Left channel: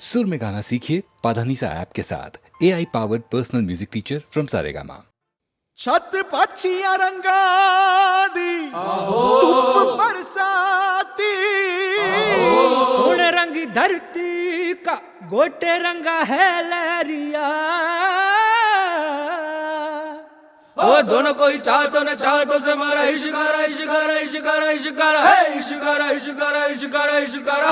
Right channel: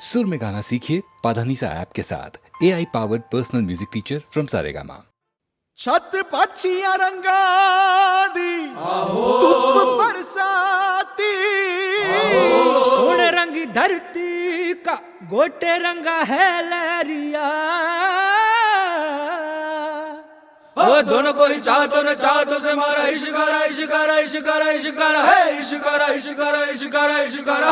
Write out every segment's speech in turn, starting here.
सुर में गाना सीखिए पाधानीसा ऐप के साथ। AI powered personal music teacher from Saregama. छत पक्षियां रंगा दी धूप बरसाती, सोने रंगी धरती का गोटे रंगा है लहरिया। ओ दोनों को ही चाहतो न चाहतो से मारा इश्कारा इश्कारा इश्कारा इश्कारा है इश्कारा इश्कारा इश्कारा इश्कारा।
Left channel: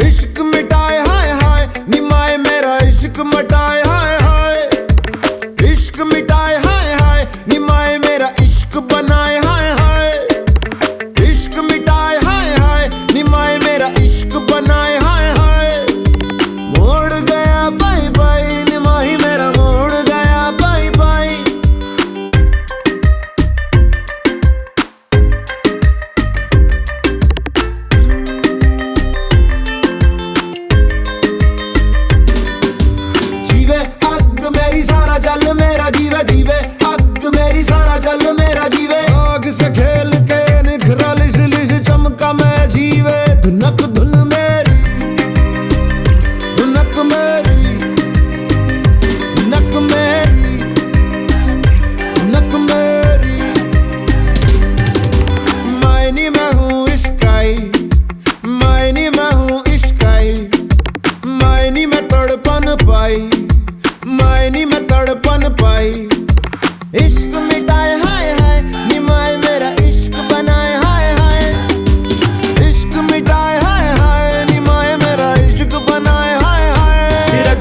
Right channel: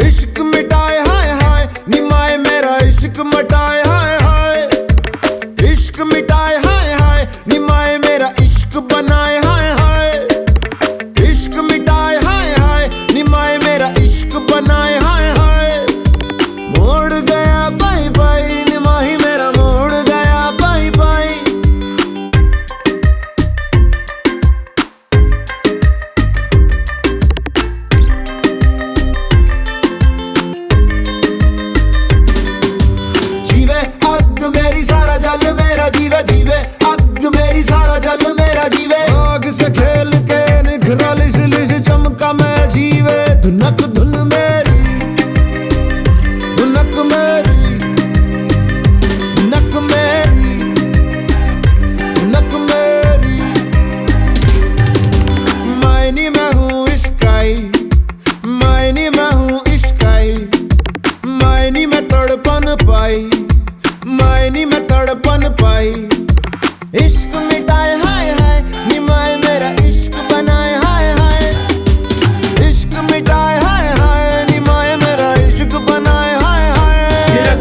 इश्क मिटाए हाय हाय निमाए मेरा इश्क मिटाए हाय हाय, इश्क मिटाए हाय हाय निमाए मेरा इश्क बनाए हाय हाय, इश्क मिटाए हाय हाय निमाए मेरा इश्क बनाए हाय हाय। मोड़ गया बाई बाई निमाही मेरा मोड़ गया बाई बाई। जीवे अग मेरी सारा जल मेरा जीवे जीवे अग मेरी सारा जल मेरा जीवे। आग से खेल के निखरा लिस लिस चमका मैं जीवे। धुनक धुन मेरी धुनक मेरी धुनक मेरी धुनक मेरी। मायनी मैं हूँ इश्काई मायनी मैं हूँ इश्काई, मायनी में तड़पन पाई मायनी में तड़पन पाई। इश्क मिटाए हाय हाय निमाए मेरा इश्क बनाए हाय हाय, इश्क मिटाए हाय हाय निमाए मेरा इश्क बनाए हाय हाय।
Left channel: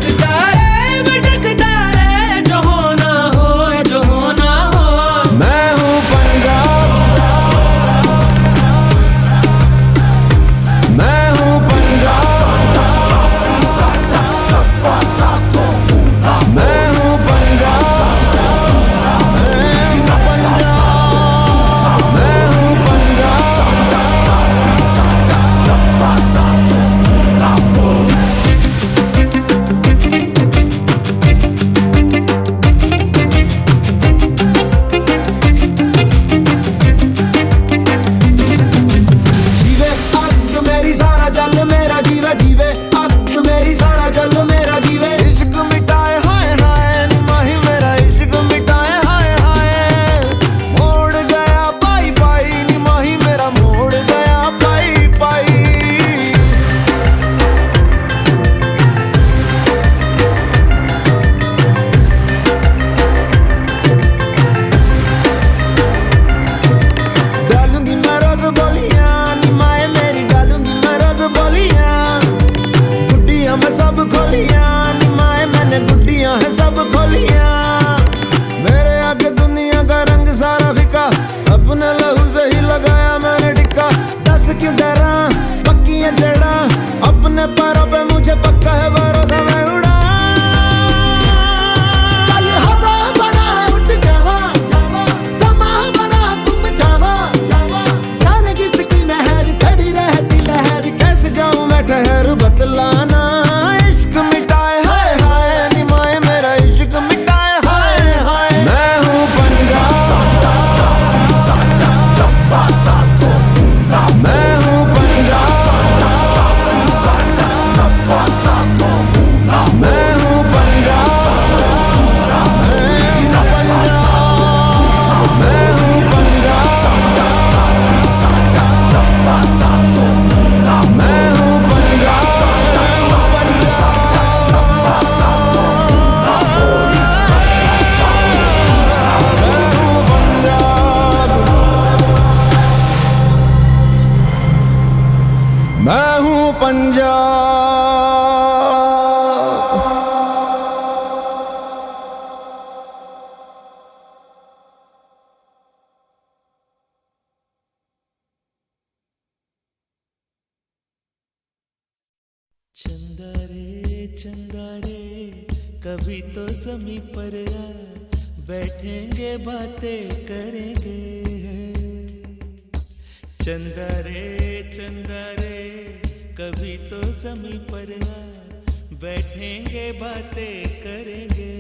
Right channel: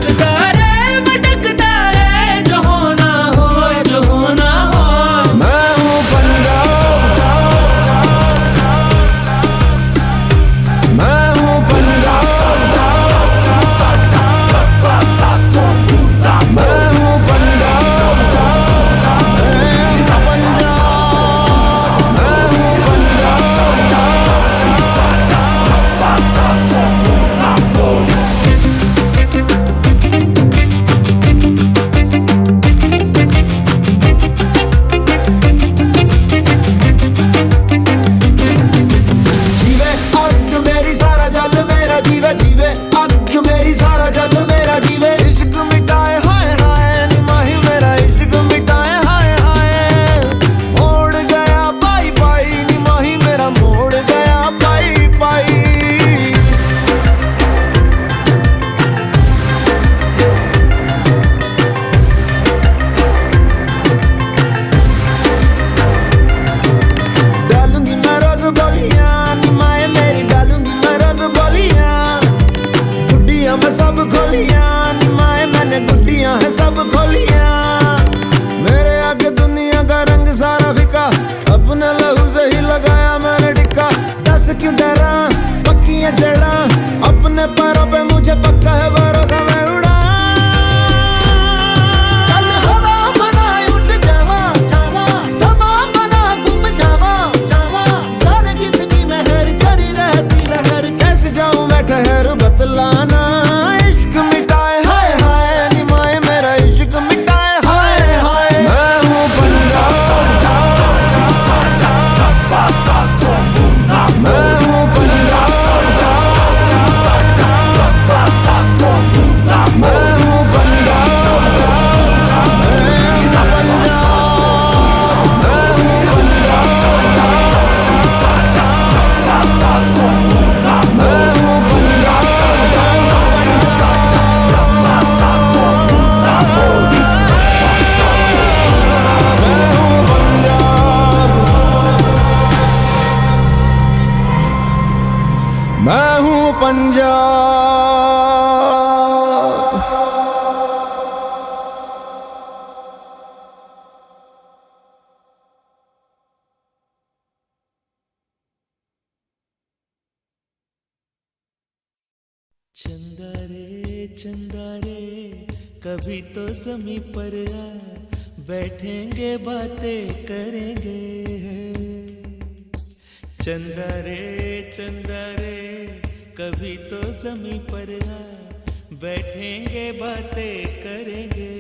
थिरकता रे भटकता रे जो होना हो जो होना हो। मैं हूँ पंजाब मैं हूँ पंजाब मैं हूँ पंजाब मैं हूँ पंजाब मैं हूँ जीवे अग मेरी सारा जल मेरा जीवे जीवे अग मेरी सारा जल मेरा जीवे। इश्क मिटाए हाय हाय निमाही मेरा इश्क मिटाए हाय हाय। मोड़ गया पाई पाई निमाही मेरा मोड़ गया पाई पाई। डालूंगी मैं रोज बोलियां निमाए मेरी डालूंगी मैं रोज बोलियां। गुड्डियां मैं सब खोलियां निमाए मैंने गुड्डियां है सब खोलियां। मेरे आगे दुनिया का रंग सारा फिका अपने लहू से ही लगाया मैंने टिक्का। दस क्यों डरा पक्की है जड़ा अपने पैरों पे मुझे पक्का है भरोसा मैं उड़ा। चल हवा बना उठ जावा समा बना गुम जावा। जाने किसकी मेहर खड़ी रहती लहर कैसे जाऊं मैं ठहर बतलाना। इश्क मिटाए हाय हाय निमाए मेरा इश्क मिटाए हाय हाय। मैं हूँ पंजाब मैं हूँ पंजाब मैं हूँ पंजाब मैं हूँ पंजाब मैं हूँ पंजाब। चंदा रे कभी तो ज़मीं पर आ, बैठेंगे बातें करेंगे। चंदा रे कभी तो ज़मीं पर आ, बैठेंगे बातें करेंगे।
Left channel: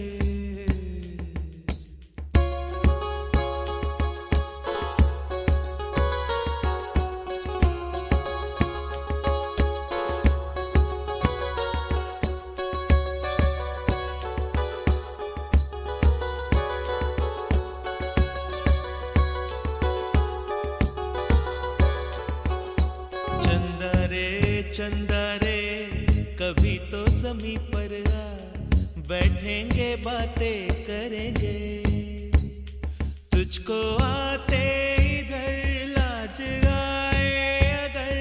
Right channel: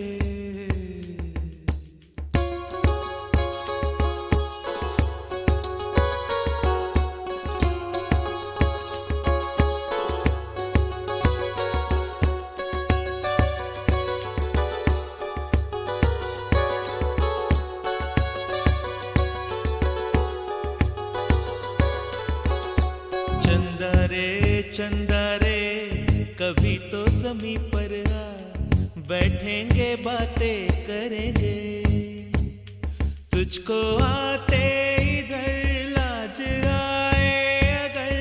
चंदा रे कभी तो ज़मीं पर आ, बैठेंगे बातें करेंगे। तुझको आते इधर लाज आए अगर,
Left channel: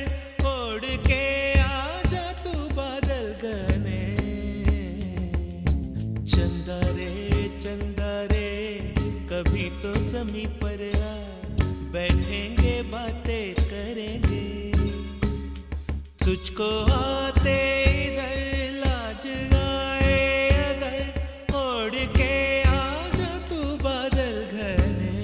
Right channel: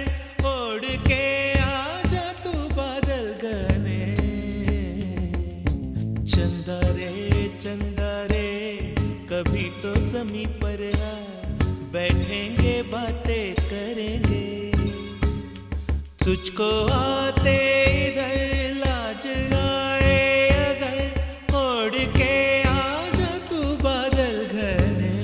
ओढ़ के आ जा तू बादल घने। चंदा रे कभी तो ज़मीं पर आ, बैठेंगे बातें करेंगे। तुझको आते इधर लाज आए अगर, ओढ़ के आ जा तू बादल घने।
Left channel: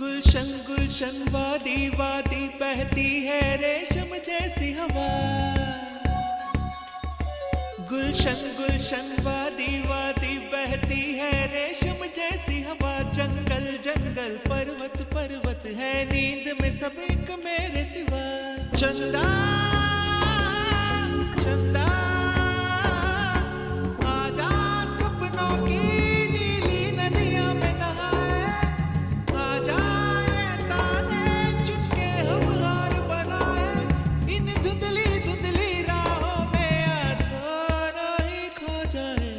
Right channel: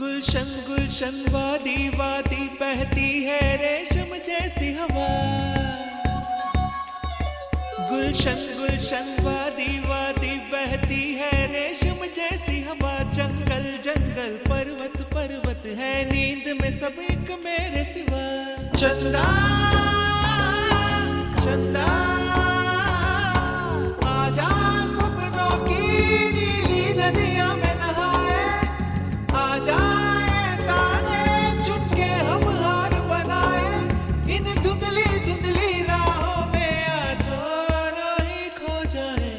गुलशन गुलशन वादी वादी बहती है रेशम जैसी हवा। गुलशन गुलशन वादी वादी बहती है रेशम जैसी हवा। जंगल जंगल पर्वत पर्वत है नींद में सब एक मेरे सिवा। चंदा चंदा आजा सपनों की नीली नदियां में नहाए। आजा ये ताने चुनके हम हार बनाए। इन धुंधली धुंधली राहों में दोनों ही खो जाए।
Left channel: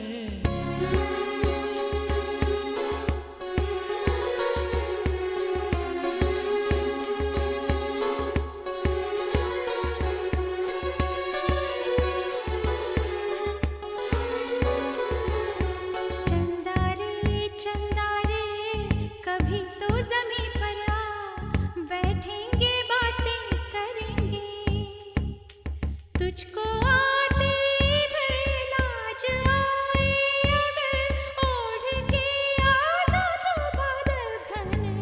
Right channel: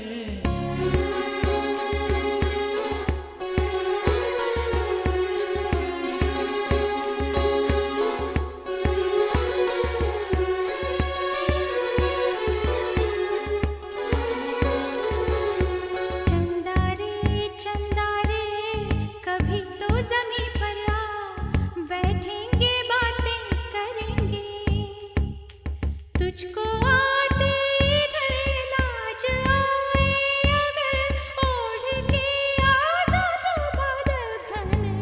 चंदा रे कभी तो ज़मीं पर आ, बैठेंगे बातें करेंगे। तुझको आते इधर लाज आए अगर, ओढ़ के आ जा तू बादल घने।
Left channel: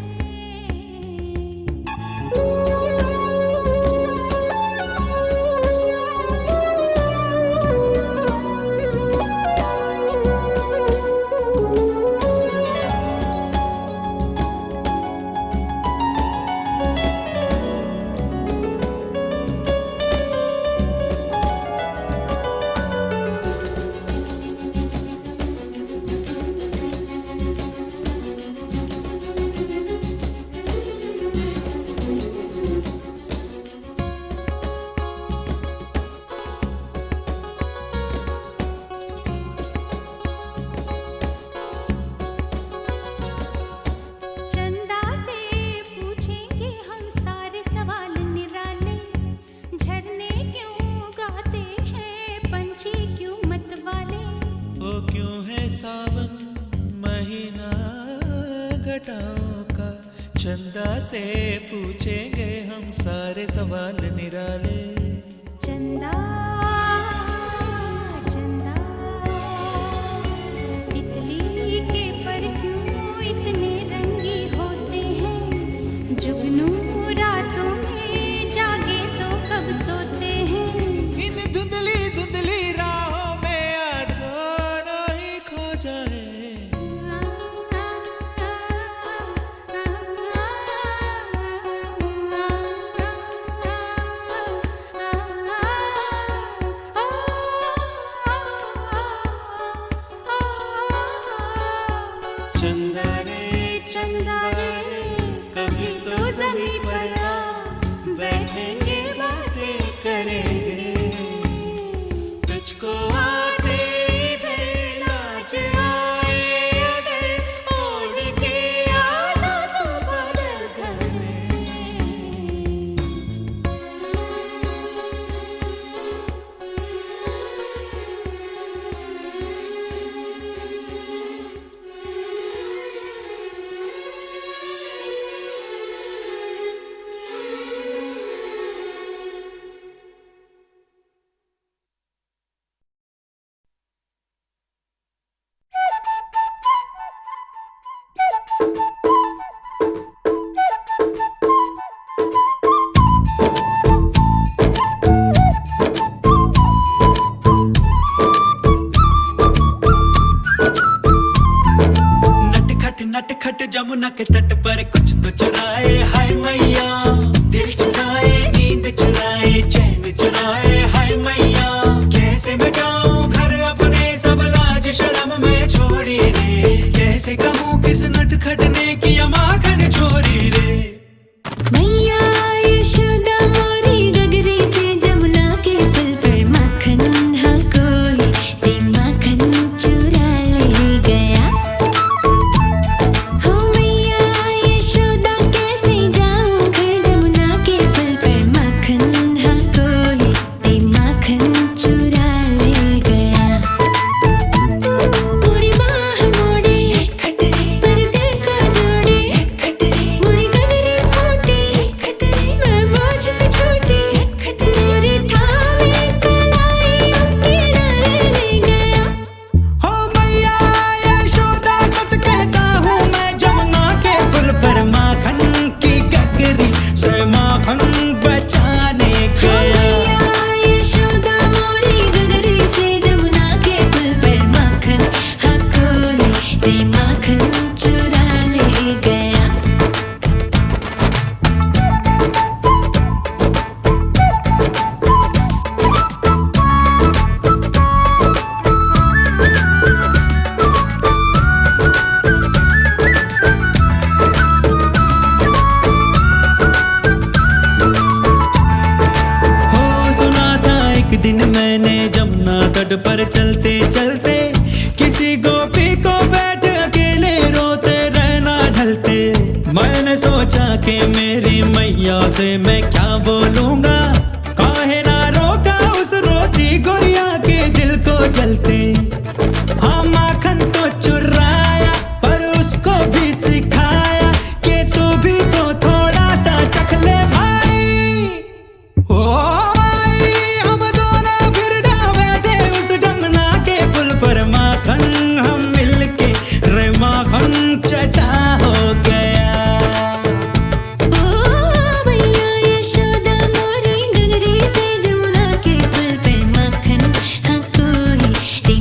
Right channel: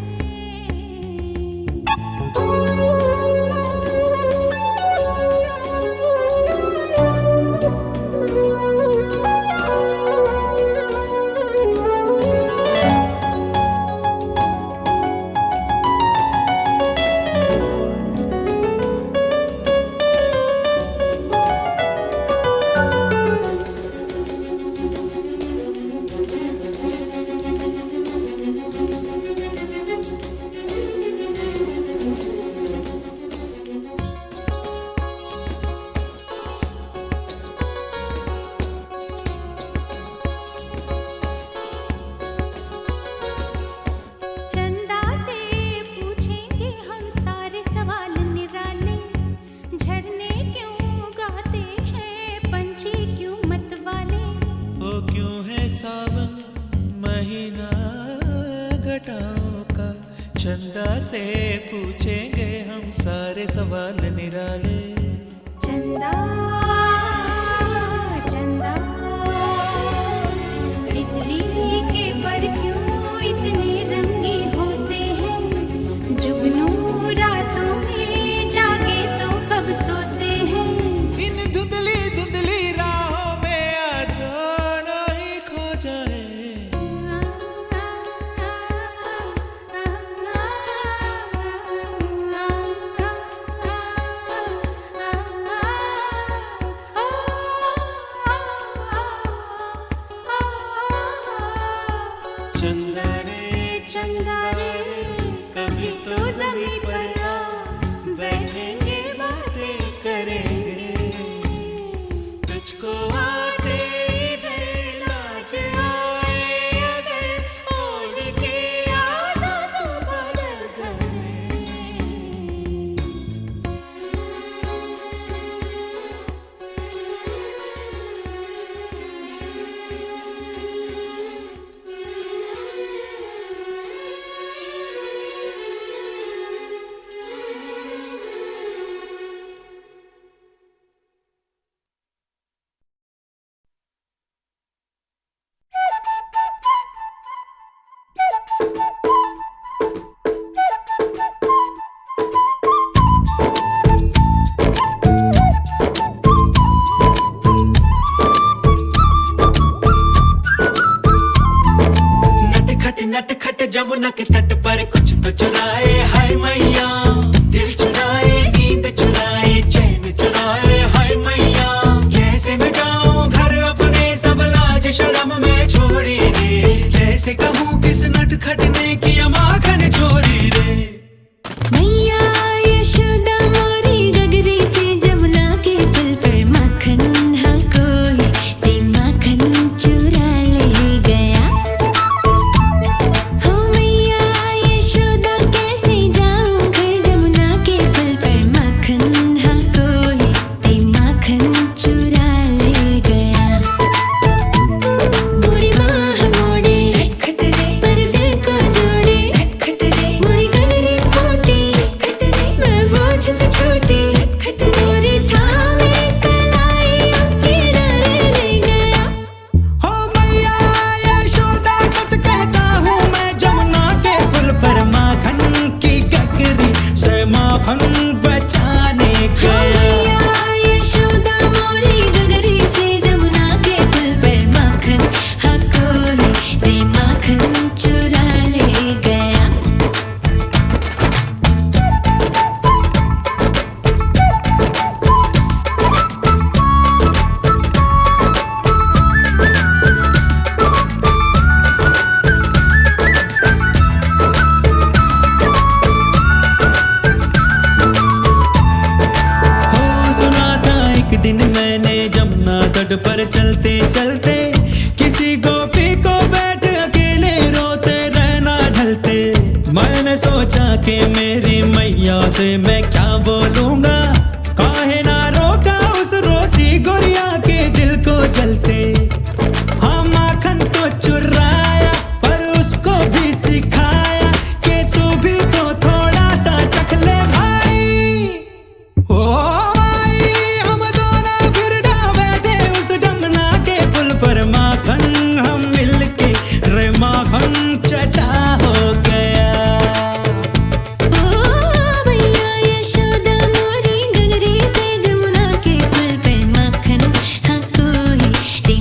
चंदा से पूछेंगे हम सारे सवाल निराले। झरने क्यों गाते हैं पंछी क्यों मतवाले। ओ क्यों है सावन महीना घटाओं का। चंदा से पूछेंगे हम सारे सवाल निराले। चंदा चंदा तितली के पर क्यों इतने रंगी होते हैं। जुगनू रातों में जागे तो कब सोते हैं। इन धुंधली धुंधली राहों में दोनों ही खो जाए। चंदा रे कभी तो ज़मीं पर आ, बैठेंगे बातें करेंगे। तुझको आते इधर लाज आए अगर, ओढ़ के आ जा तू बादल घने। यमुना के तट पर कुछ तो चुराए, हाय मैया दिल चुराए, नींद चुराए, चैन चुराए, हाय मैया कैसे मैं जाऊं घर अपने, सब लाज शर्म में छोड़ी रे, कैसे कहूँ किस नटखट ने किया माखन चोरी रे। मैया यशोदा मोरी गगरी से जमुना के पुल पर माखन हाँ कोई ते माखन चुरा ले गया। हो मैया यशोदा कैसे जाऊं घर जमुना के पुल पर माखन हाँ कोई ते माखन चुरा ले गया। मोरी बाह मोड़े खटरे पर्दे को जोड़े खटरे, मोरी गगरी फूटी खटरे मैं बोझ से छूटी खटरे, मोरी थामे कलाई उसके डरे ले गया। हो मैया यशोदा सच कहता हूँ मैं, जमुना के पुल पर माखन की गगरी से माखन बचाने गया। मैया यशोदा मोरी गगरी से जमुना के पुल पर माखन हाँ कोई ते माखन चुरा ले गया। हो सुना था एक दिन मैंने जमुना तट पर चलते चलते, किसी गोपी को बैठ अकेले रोते रहना ढलते। मैंने सोचा कि मेरी मैया से मैं क्या बोलूंगा, काहे ना रोका उस रोती गुड़िया के दिल को जलते। हाँ माखन तो चुराया पर उसको भी सिखाया कि तू भी तो थोड़ा सा चख ले भाई। ओ भाई हम दोनों फिर जा बैठे उस जमुना के पुल पर, माखन हम मिलके रे माखन चटा हो गया। ओ मैया यशोदा मोरी गगरी से जमुना के पुल पर माखन हाँ कोई ते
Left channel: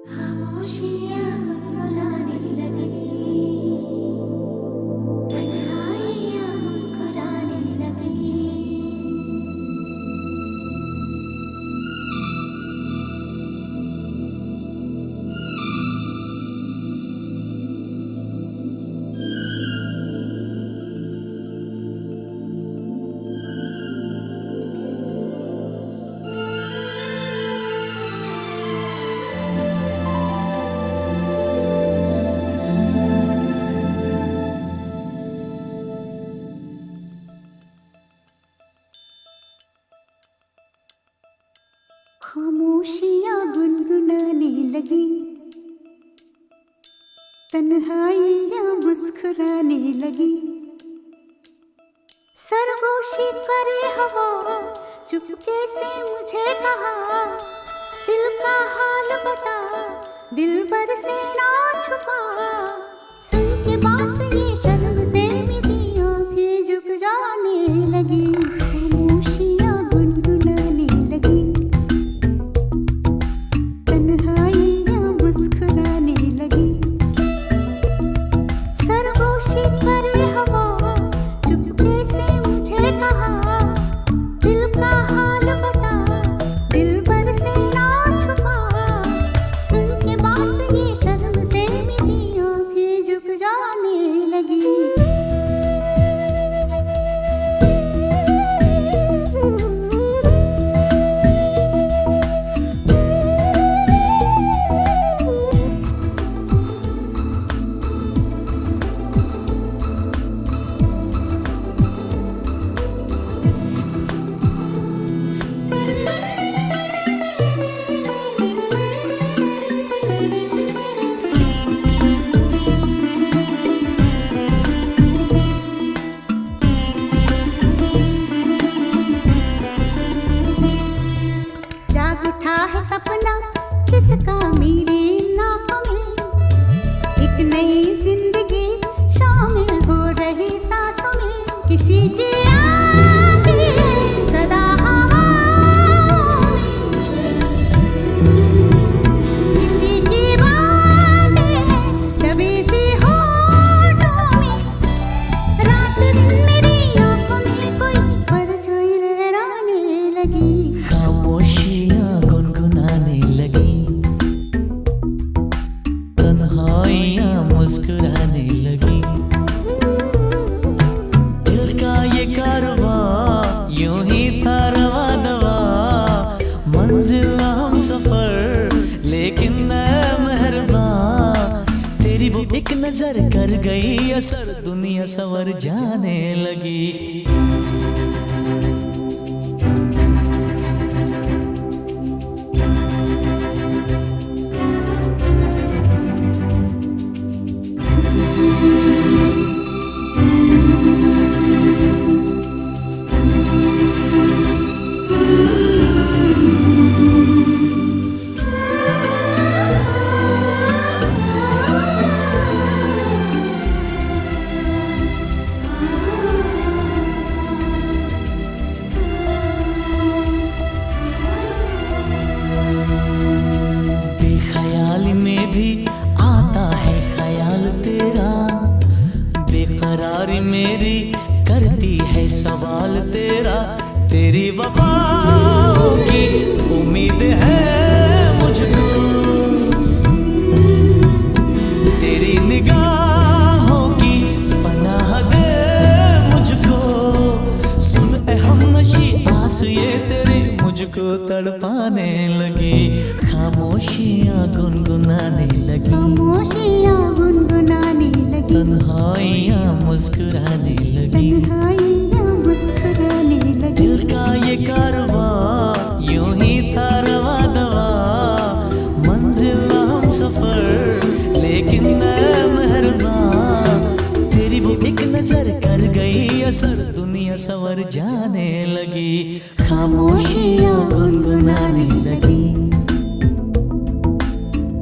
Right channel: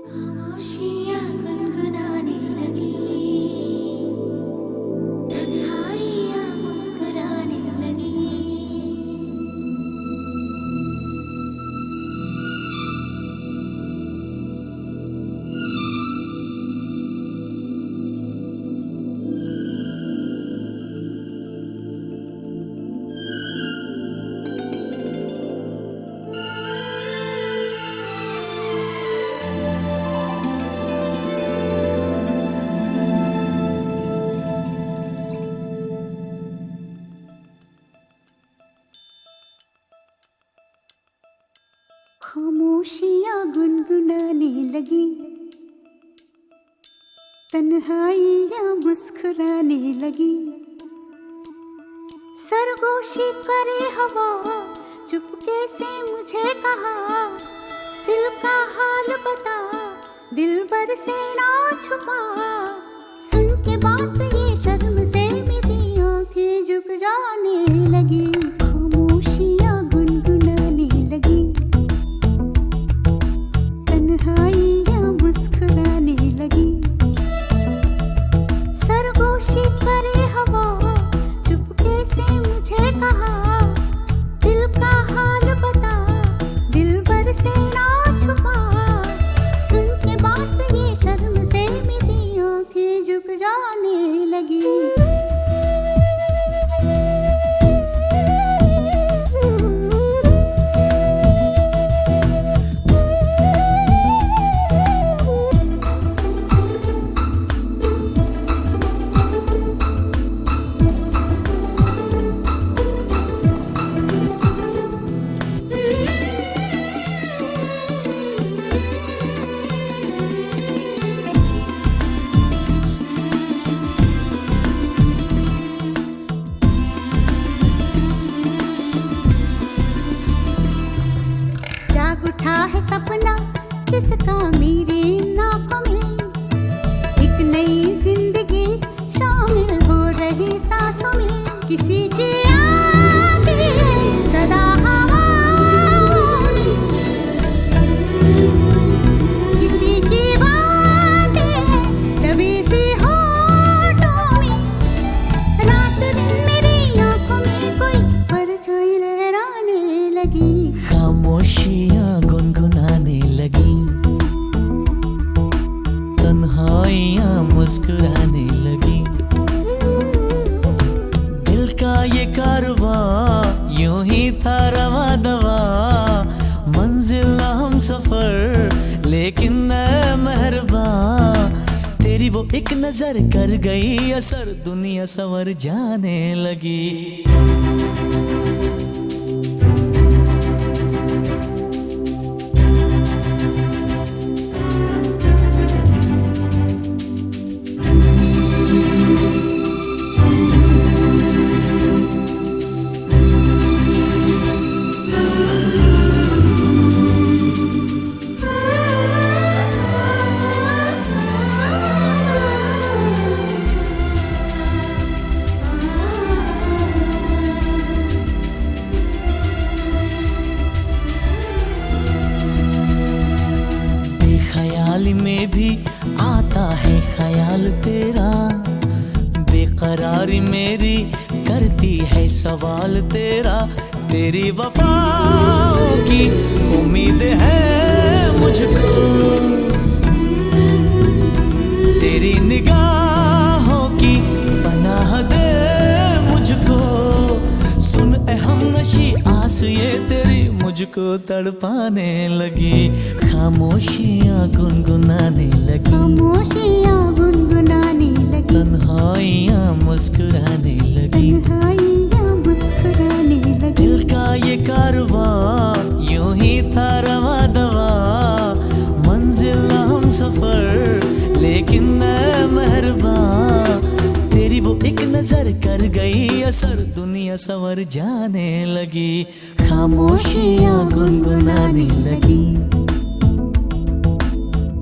खामोशियाँ गुनगुनाने लगी, तन्हाइयाँ मुस्कुराने लगी। खामोशियाँ गुनगुनाने लगी, तन्हाइयाँ मुस्कुराने लगी। सरगोशी करे हवा, चुपके से मुझे कहा, दिल का हाल बता, दिलबर से ना छुपा। सुन के बात ये शर्म से मेरी आंखें झुक जाने लगी। खामोशियाँ गुनगुनाने लगी, तन्हाइयाँ मुस्कुराने लगी। सरगोशी करे हवा, चुपके से मुझे कहा, दिल का हाल बता, दिलबर से ना छुपा। सुन के बात ये शर्म से मेरी आंखें झुक जाने लगी। जाग उठा है सपना किसका मेरी नाकों में, एक नई जिंदगी शामिल हो रही सांसों में। किसी की आंधी है सदा हवाओं में, किसी की बातें हैं दबी सी होठों में। रात दिन मेरी आंखों में कोई परछाई लहराने लगी। खामोशियाँ गुनगुनाने लगी, तन्हाइयाँ मुस्कुराने लगी। दिल का ये कारवां यूं ही था रवा दवा, मंजिल हम सफर लेकिन मैं मेहरबान। तेरी वो एक नजर कर गई असर, दुनिया सवर जाने लगी। बेख्याली में भी आता है ख्याल तेरा, बेकरारी मेरी करती है सवाल तेरा। तेरी वफाओं की उम्मीद है मुझको, तेरी निगाहों की पनाह दे मुझको। सुन ए हमनशी आस ये तेरी मुझको तड़पाने लगी। खामोशियाँ गुनगुनाने लगी, खामोशियाँ गुनगुनाने लगी, तन्हाइयाँ मुस्कुराने लगी। तन्हाइयाँ मुस्कुराने लगी। दिल का ये कारवां यूं ही था रवा दवा, मंजिल हम सफर लेकिन मैं मेहरबान। तेरी वो एक नजर कर गई असर, दुनिया सवर जाने लगी। खामोशियाँ गुनगुनाने लगी,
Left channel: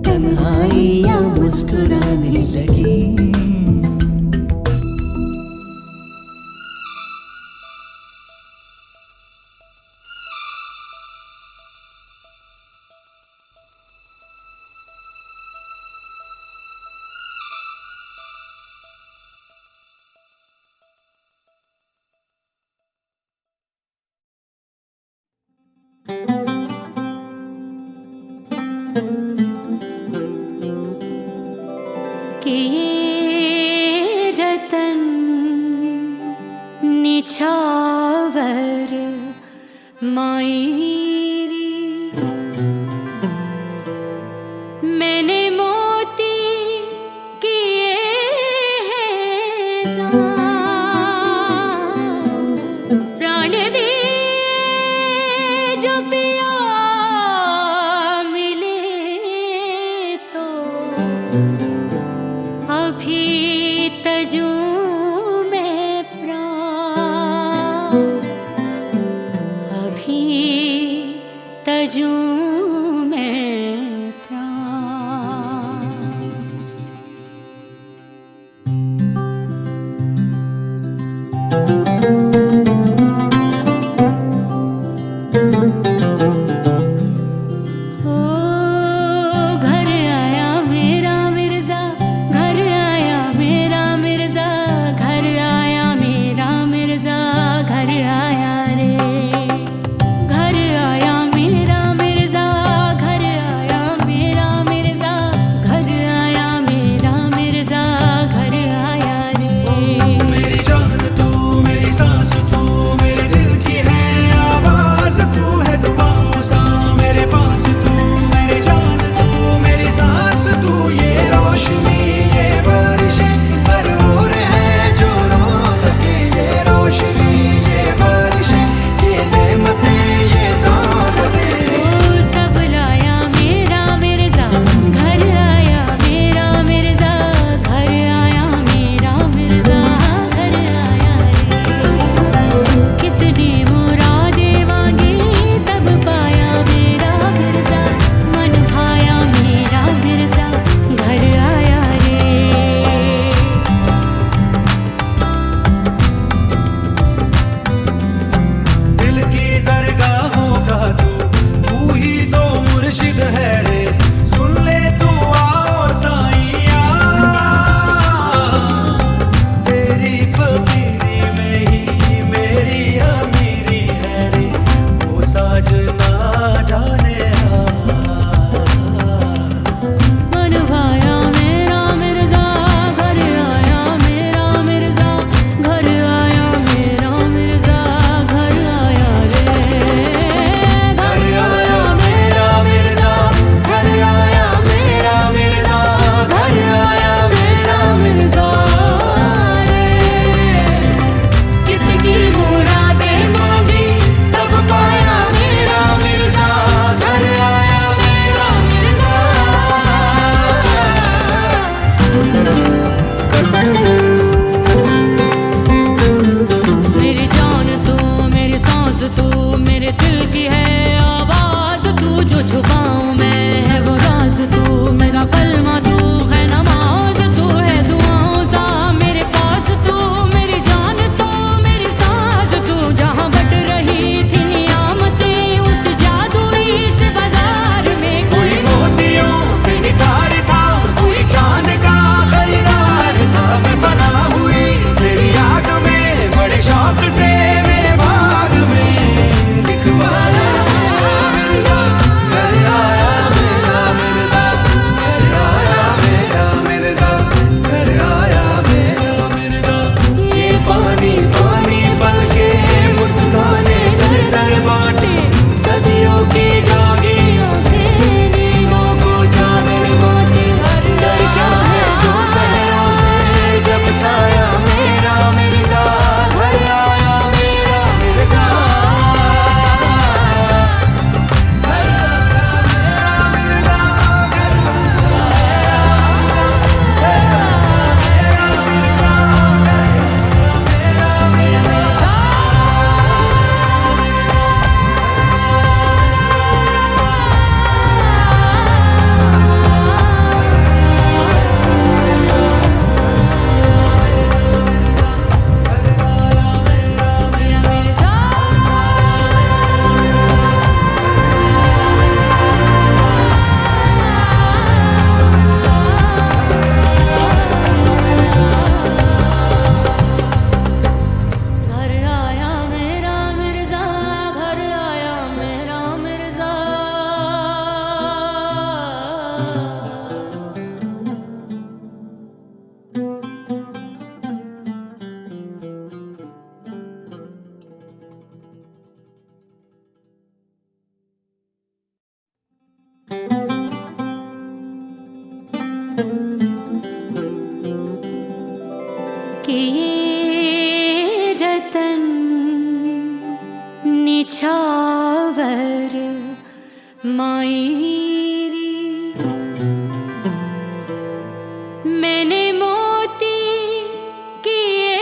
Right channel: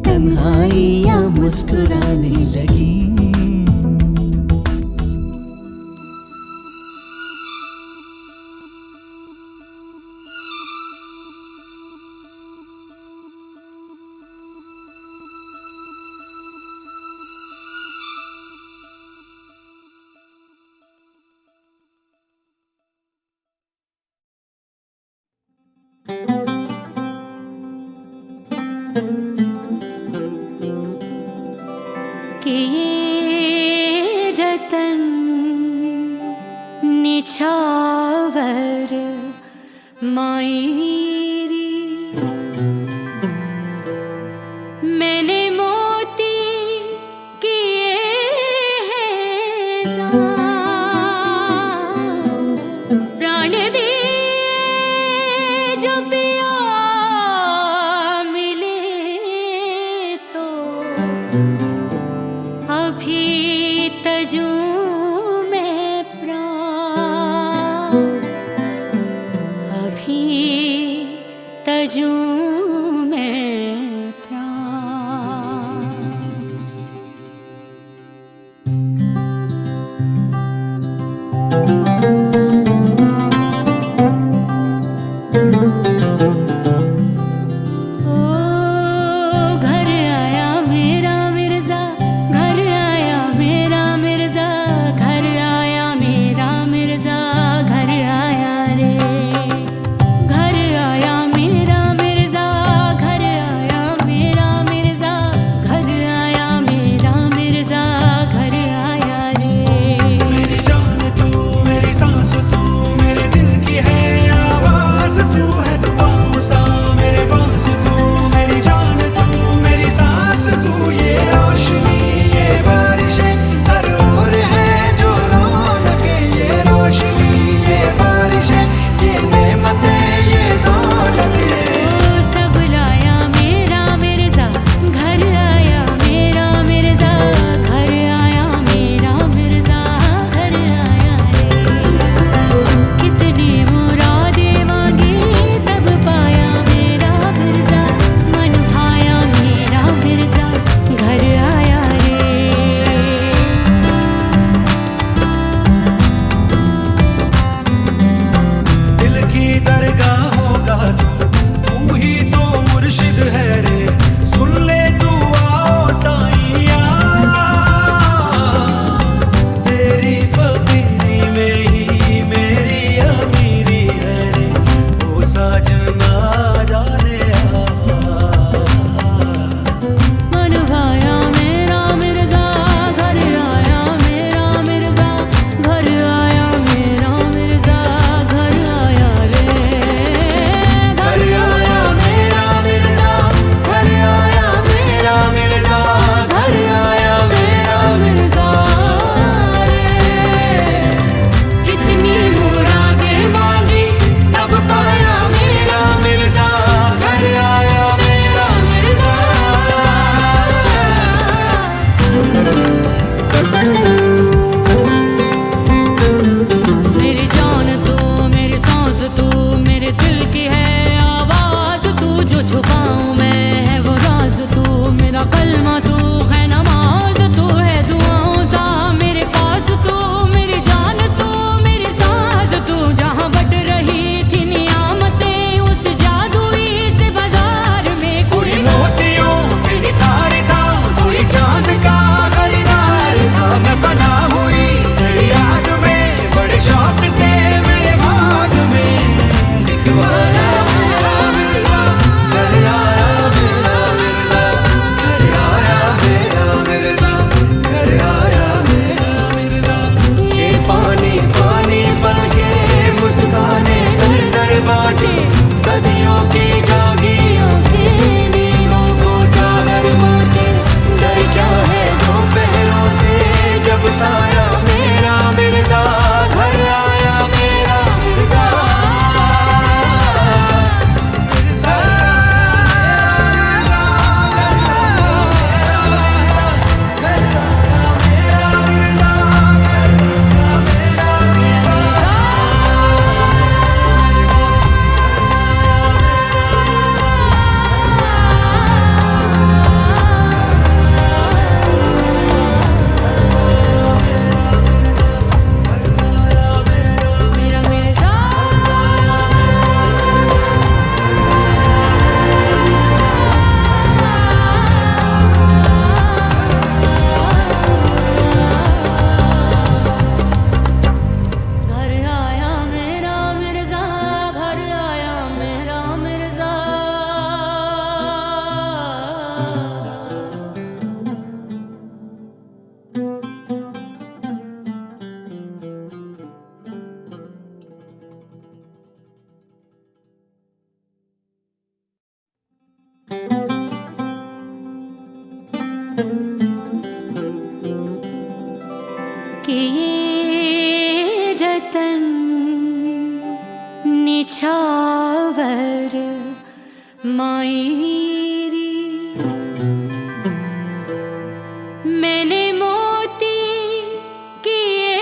तन्हाइयाँ मुस्कुराने लगी। कि ये रतन निछावर मायरी मैंने मोती किए हैं दान प्राण दिए जो पिया मिले तो अभी तजू में प्राण अभी तजू में प्राण कि ये रतन निछावर मायरी मैंने मोती किए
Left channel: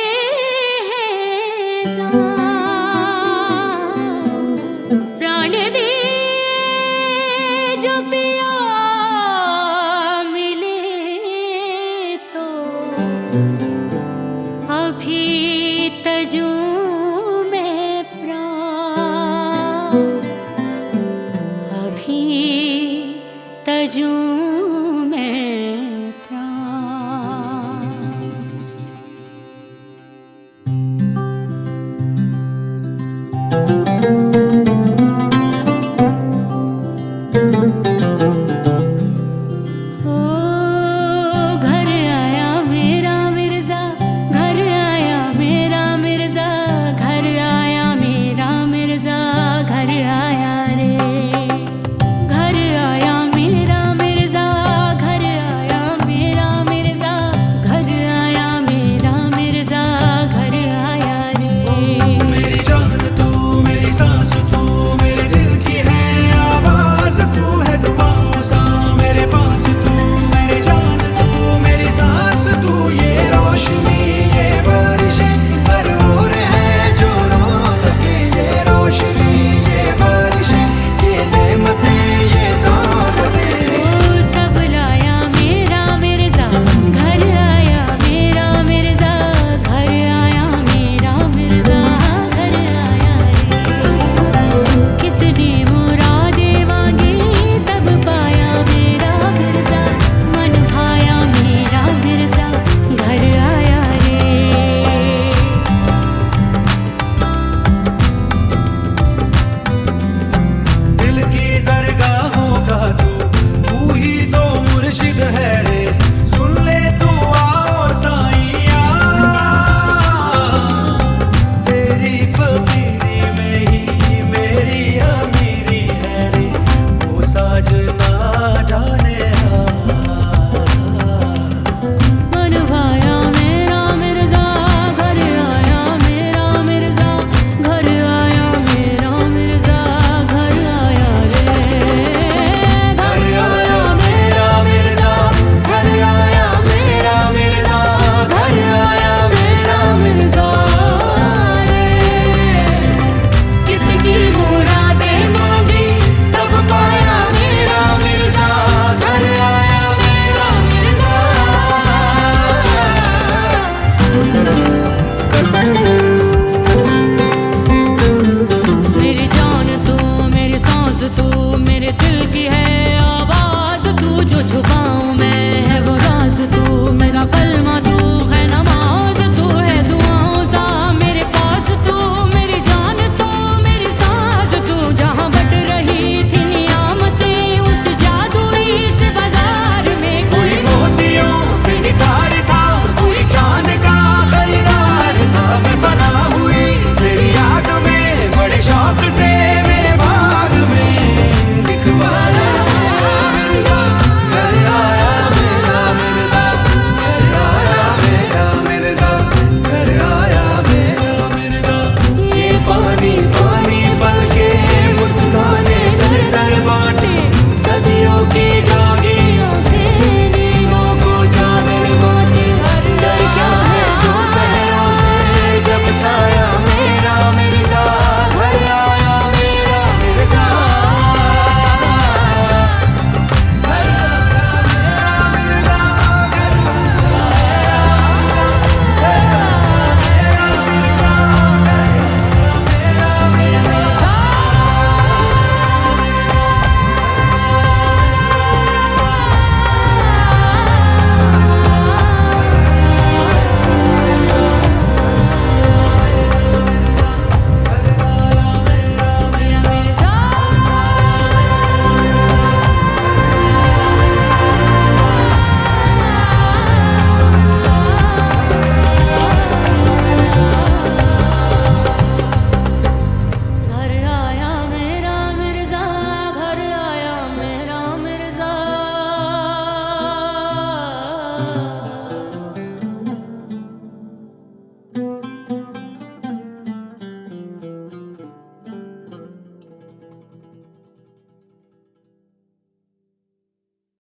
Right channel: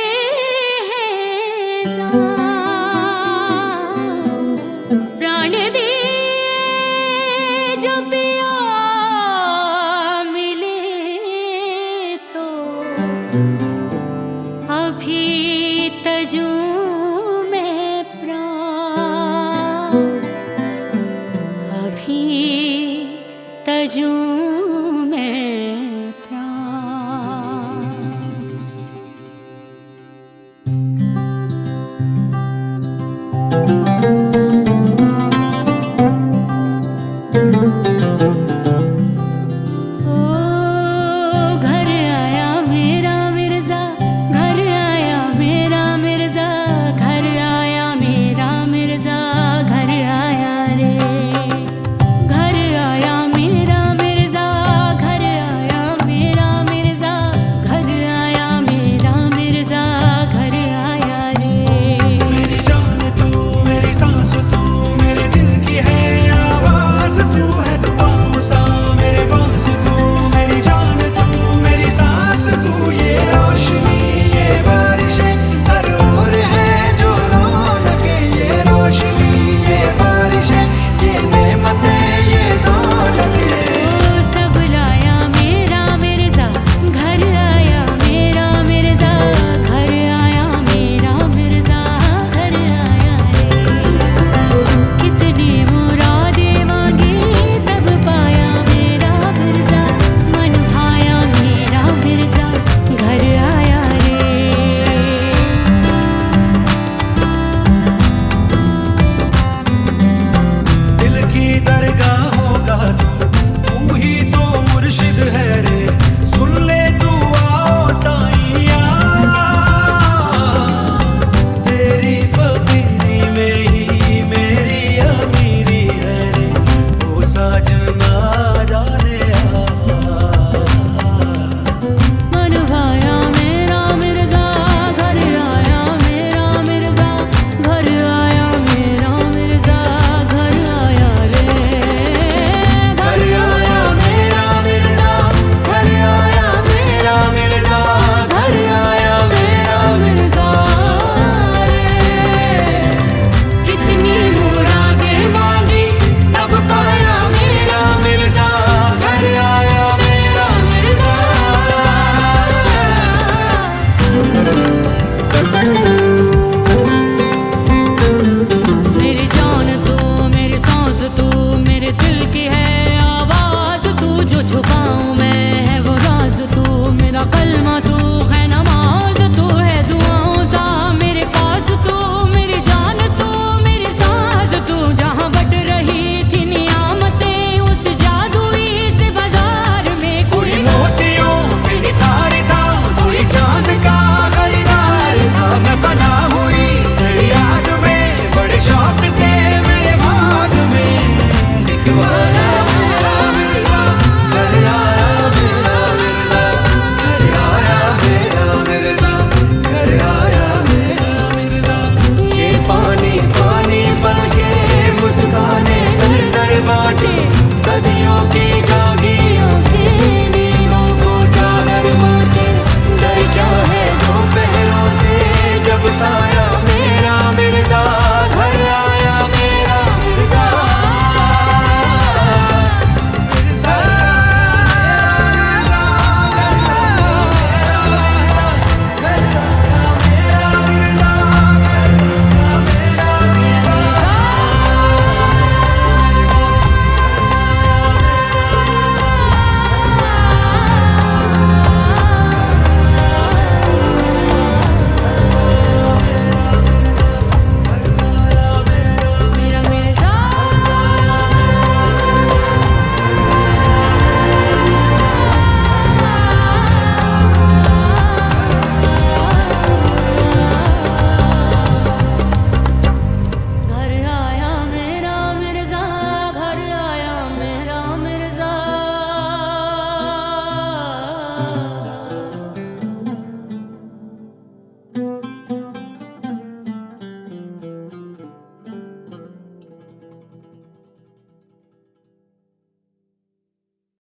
हैं दान प्राण दिए जो पिया मिले तो अभी तजू में प्राण अभी तजू